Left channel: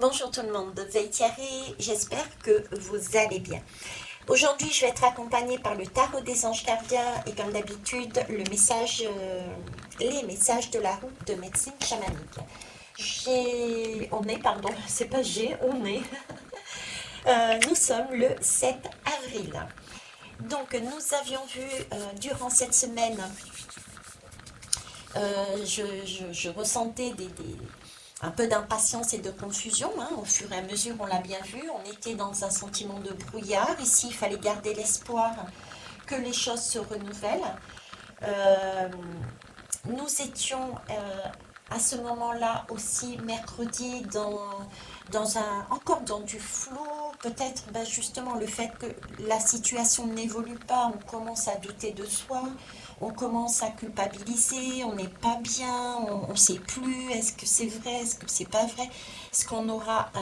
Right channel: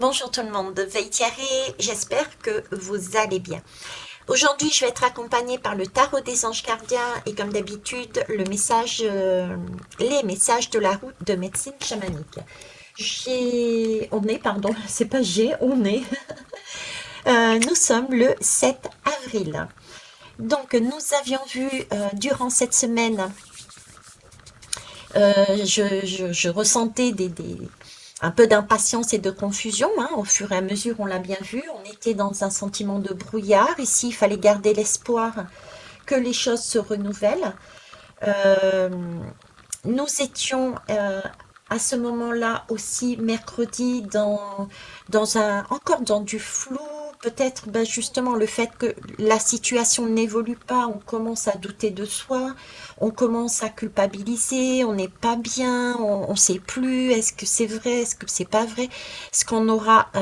Bonjour tout le monde, Veille Thierry, j'espère que vous allez bien. Aujourd'hui, je vais être accompagnée par le tarot des anges gardiens et comme d'habitude, les messages de la route de médecine chamanique. C'est pas j'ai, on est. Nous sommes le 7 avril. Donc, nous avions vu durant cette semaine, je ressentais un peu d'impatience et de confusion, hein, au fur et à mesure, on l'a bien vu. On était dans un sentiment de brouillard. Ici, il fallait garder l'espoir que les choses se renouvellent. Euh, Nous étions à ce moment-là aussi mercredi encore dans du flou. Peut-être justement le fait que la situation n'évolue pas, on commence à douter de soi, on commence à culpabiliser, on n'est pas bien, on ne sait plus, est-ce que c'est vrai, est-ce que c'est pas vrai, ce qu'on aura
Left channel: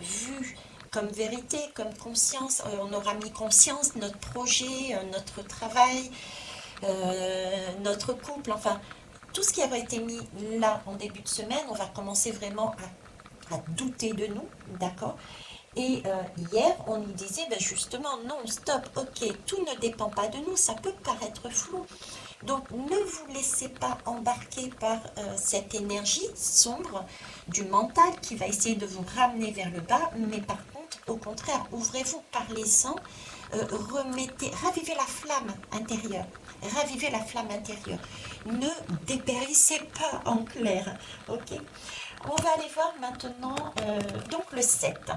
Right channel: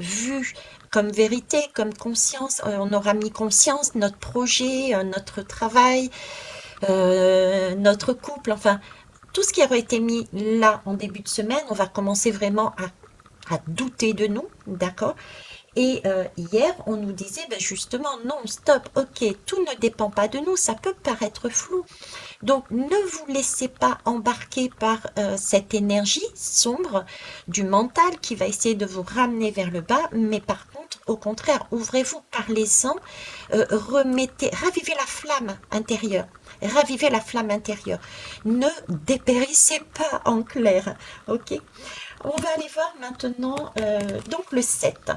vu comme vérité, comme conscience, on aura mis conscience, notre projet, notre travail, notre couple, enfin, tout ce qui aurait été mis là en début de semaine, on va commencer vraiment à douter de nous, d'accord? Et hier, on nous disait justement, non, stop, ok, tout ne dépend pas de nous, ça peut paraître flou. Donc, ne vous laissez pas embarquer par cette énergie sombre du mental qui va essayer de vous ramener vers le bas, mais par contre, au contraire, ouvrez-vous, parlez-en, ravivez la flamme intérieure. Ravivez la flamme intérieure. Ne dépérissez pas en clair. Ok. On va aller voir maintenant donc le 7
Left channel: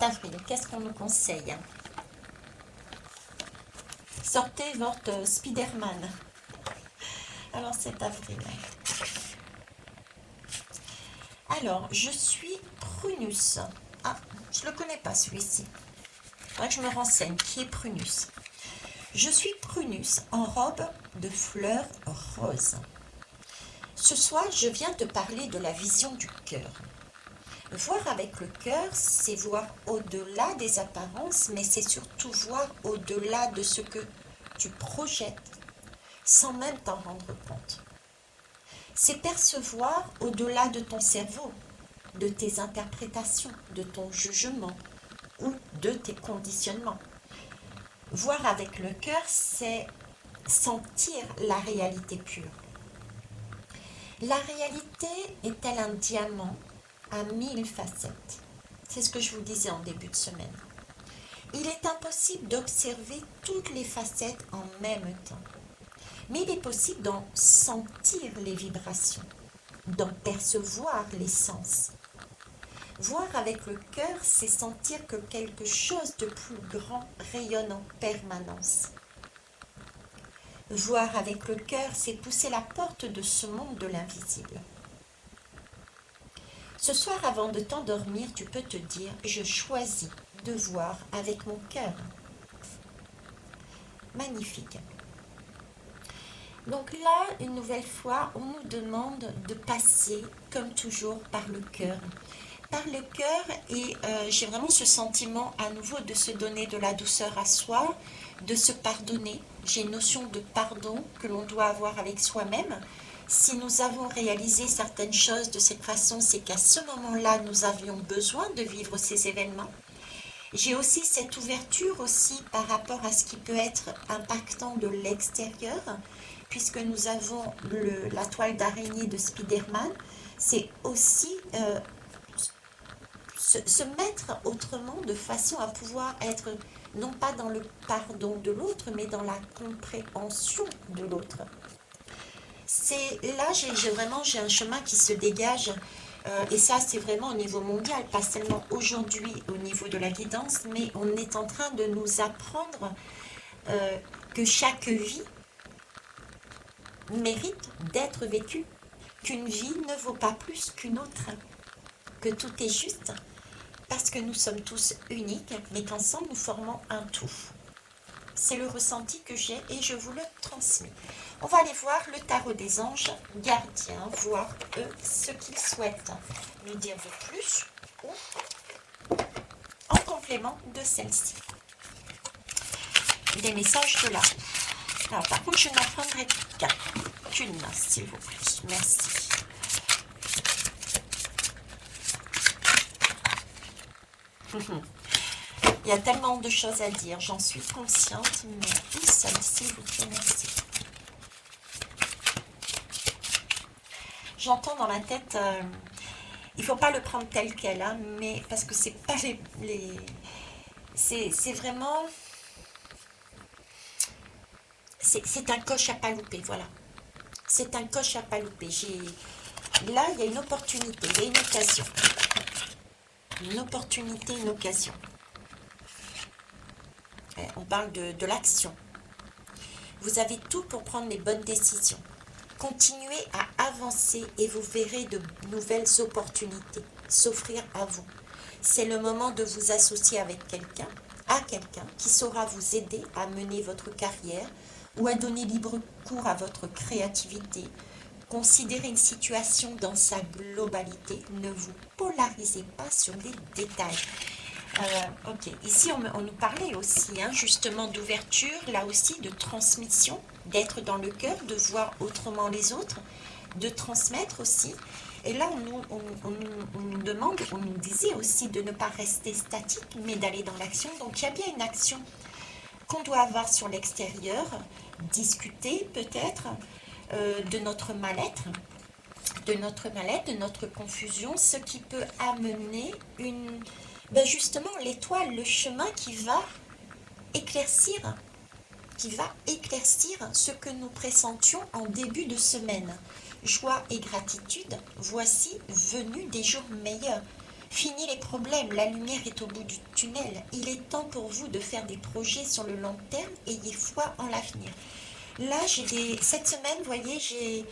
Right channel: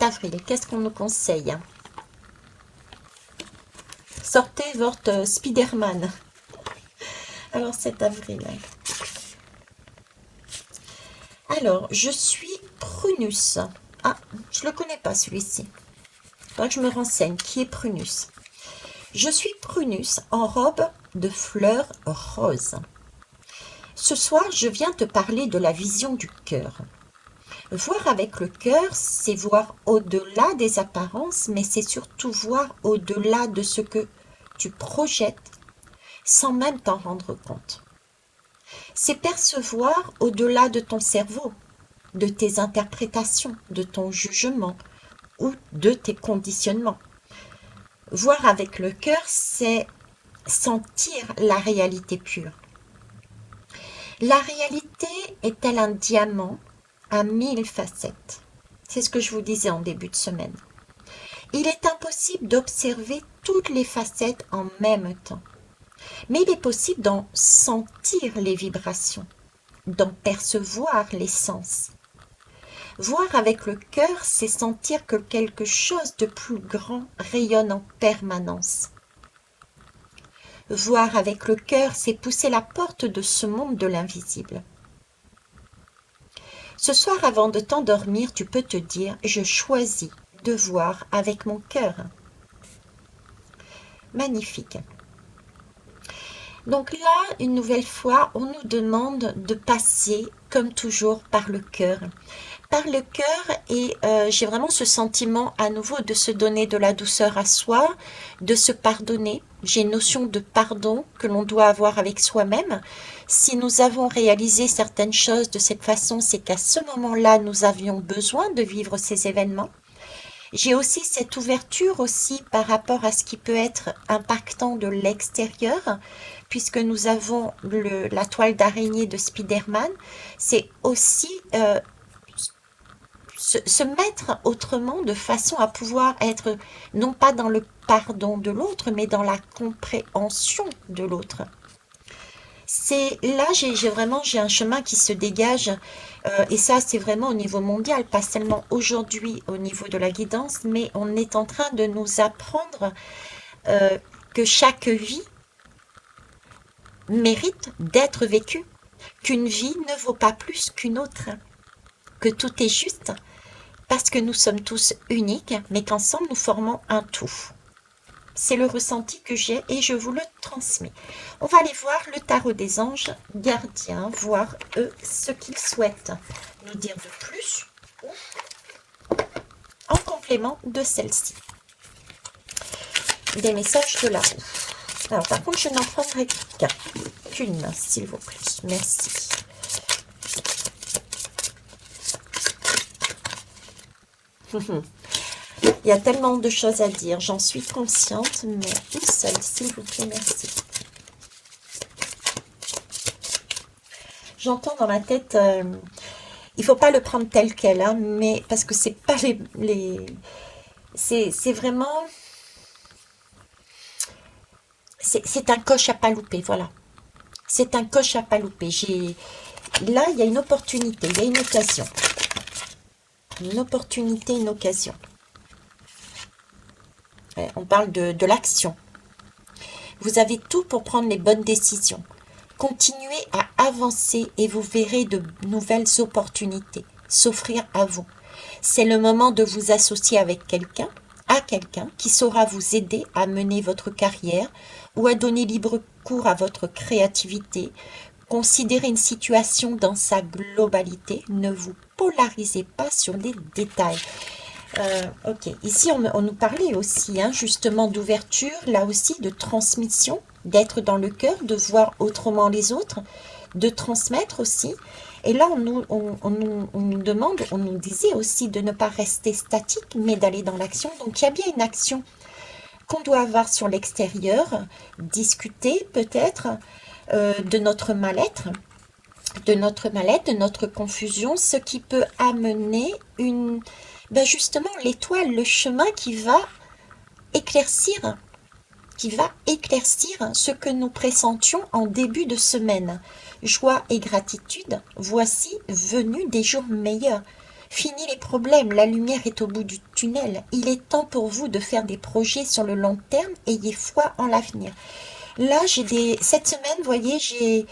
avril. Qu'est-ce qu'on nous conseille? Sortez votre Spider-Man. Alors 7 avril. Alors, je suis Prunus. Ah, je ne le connais pas celui-ci. Il faudra que je me renseigne. Qui est Prunus? Je suis Prunus en robe de fleurs roses. Ce soir, je viens te parler de la vision du cœur. Voir avec le cœur, c'est voir au-delà des apparences, mais c'est surtout voir au-delà de ce que tu projettes sans même t'en rendre compte. C'est percevoir au-delà de ton cerveau, de tes interprétations, de ton jugement ou de tes conditionnements. Voir avec le cœur, c'est sentir la réalité pure. La réalité est-elle un diamant à 1000 facettes? C'est ce que je vous disais en début de semaine. Il est impossible d'observer toutes les facettes en même temps, mais il est possible d'en sentir les vibrations, d'en percevoir les sens. Voir avec le cœur, c'est sentir que quelque chose de plus grand rayonne en permanence. Voir avec le cœur, c'est pousser la porte de ce monde de l'invisible. Ce soir, avant de t'endormir, tu peux te dire « Je choisis de voir avec mon cœur ». Magnifique. Donc là, une nouvelle fois, on nous demande de passer, comme toujours, par le cœur. Par le cœur, et j'ai vraiment ce sentiment à nouveau de se donner de la douceur à soi, de se pardonner. J'ai une notion de pardon que l'on doit avoir avec soi-même. Si nous avons réalisé certaines choses de cette façon, c'est qu'à ce moment-là, nous avions besoin de vivre ces événements. J'ai aussi cette ouverture aussi par rapport à ce qui peut être impactant de l'extérieur, puisque nous avons la toile d'araignée de Spider-Man. C'est aussi se mettre autrement de façon à pouvoir être non pas dans le pardon de l'autre, mais dans la compréhension de l'autre. C'est là, j'ai un chemin qui se dégage, et ça, c'est vraiment au niveau mondial, pas seulement aujourd'hui au niveau de la guidance, mais on est en train de nous apprendre euh, que chaque vie mérite d'être vécue, qu'une vie ne vaut pas plus qu'une autre, que tout est juste, parce que nous sommes tous uniques, mais qu'ensemble nous formons un tout. C'est le ressenti que j'ai et je vous le transmets. On va aller voir le tarot des anges gardiens, voir eux ce qu'ils souhaitent nous dire de plus ou en complément de celle-ci. Des messages de la roue. Alors par contre, je n'en prendrai qu'une, s'il vous plaît. Merci. Il y a tellement de choses à dire, j'en suis consciente, mais une seule, s'il vous plaît, merci. J'entends dans la tête, il faut pas le prendre tel quel, hein, mais parce que c'est pas c'est vraiment, c'est un coche à pas louper, voilà. C'est un coche à pas louper. Là, il y a une opportunité, il y a une occasion. Une opportunité, une occasion. Ouais, on parle de l'action. Vous avez tout pour prendre les bonnes décisions. Continuez à avancer et vous verrez de nouvelles opportunités s'offrir à vous. C'est le moment de vous associer avec quelqu'un, à quelqu'un qui saura vous aider à mener votre carrière ou à donner libre cours à votre créativité. Considérez une situation dans sa globalité. Ne vous polarisez pas sur les détails. Ok, ici on nous parlait aussi hein, justement d'ouverture, là aussi de transmission, d'être dans le cœur, de voir autrement les autres, de transmettre aussi. Et là on nous demande, on nous disait aussi de ne pas rester statique, mais d'aller dans l'action. Donc il y a bien une action qu'on doit avoir sur l'extérieur, discuter peut-être de notre mal-être, de notre confusion, ce qui peut amener une, ben justement l'étoile, le chemin éclaircir, qui va éclaircir ce que nous pressentions en début de semaine. Joie et gratitude, voici venus des jours meilleurs. Fini les problèmes, la lumière est au bout du tunnel. Il est temps pour vous de faire des projets sur le long terme, ayez foi en l'avenir. Là, cette semaine, vous voyez, j'ai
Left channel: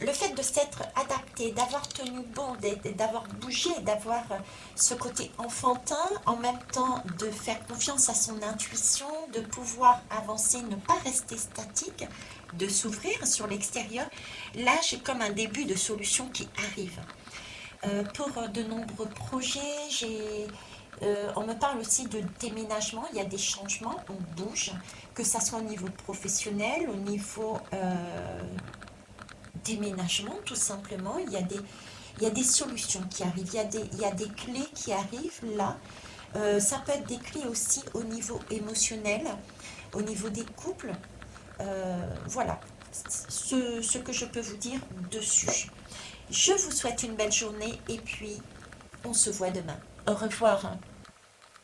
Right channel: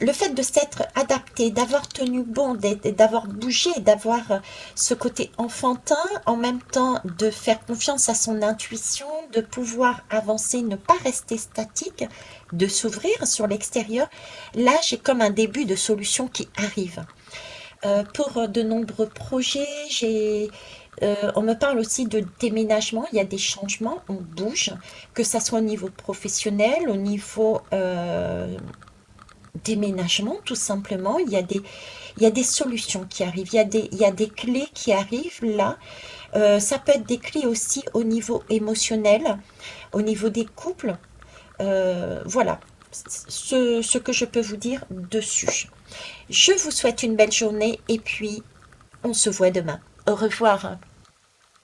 le fait de s'être adapté, d'avoir tenu bon, d'avoir bougé, d'avoir ce côté enfantin, en même temps de faire confiance à son intuition, de pouvoir avancer, ne pas rester statique, de s'ouvrir sur l'extérieur, là j'ai comme un début de solution qui arrive. Pour de nombreux projets, on me parle aussi de déménagement, il y a des changements, on bouge, que ça soit au niveau professionnel, au niveau déménagement, tout simplement. Il y a des solutions qui arrivent, il y a des clés qui arrivent là. Ça peut être des clés aussi au niveau émotionnel, au niveau des couples. Voilà ce que je peux vous dire dessus. Je vous souhaite une belle journée et puis on se voit demain. Au revoir.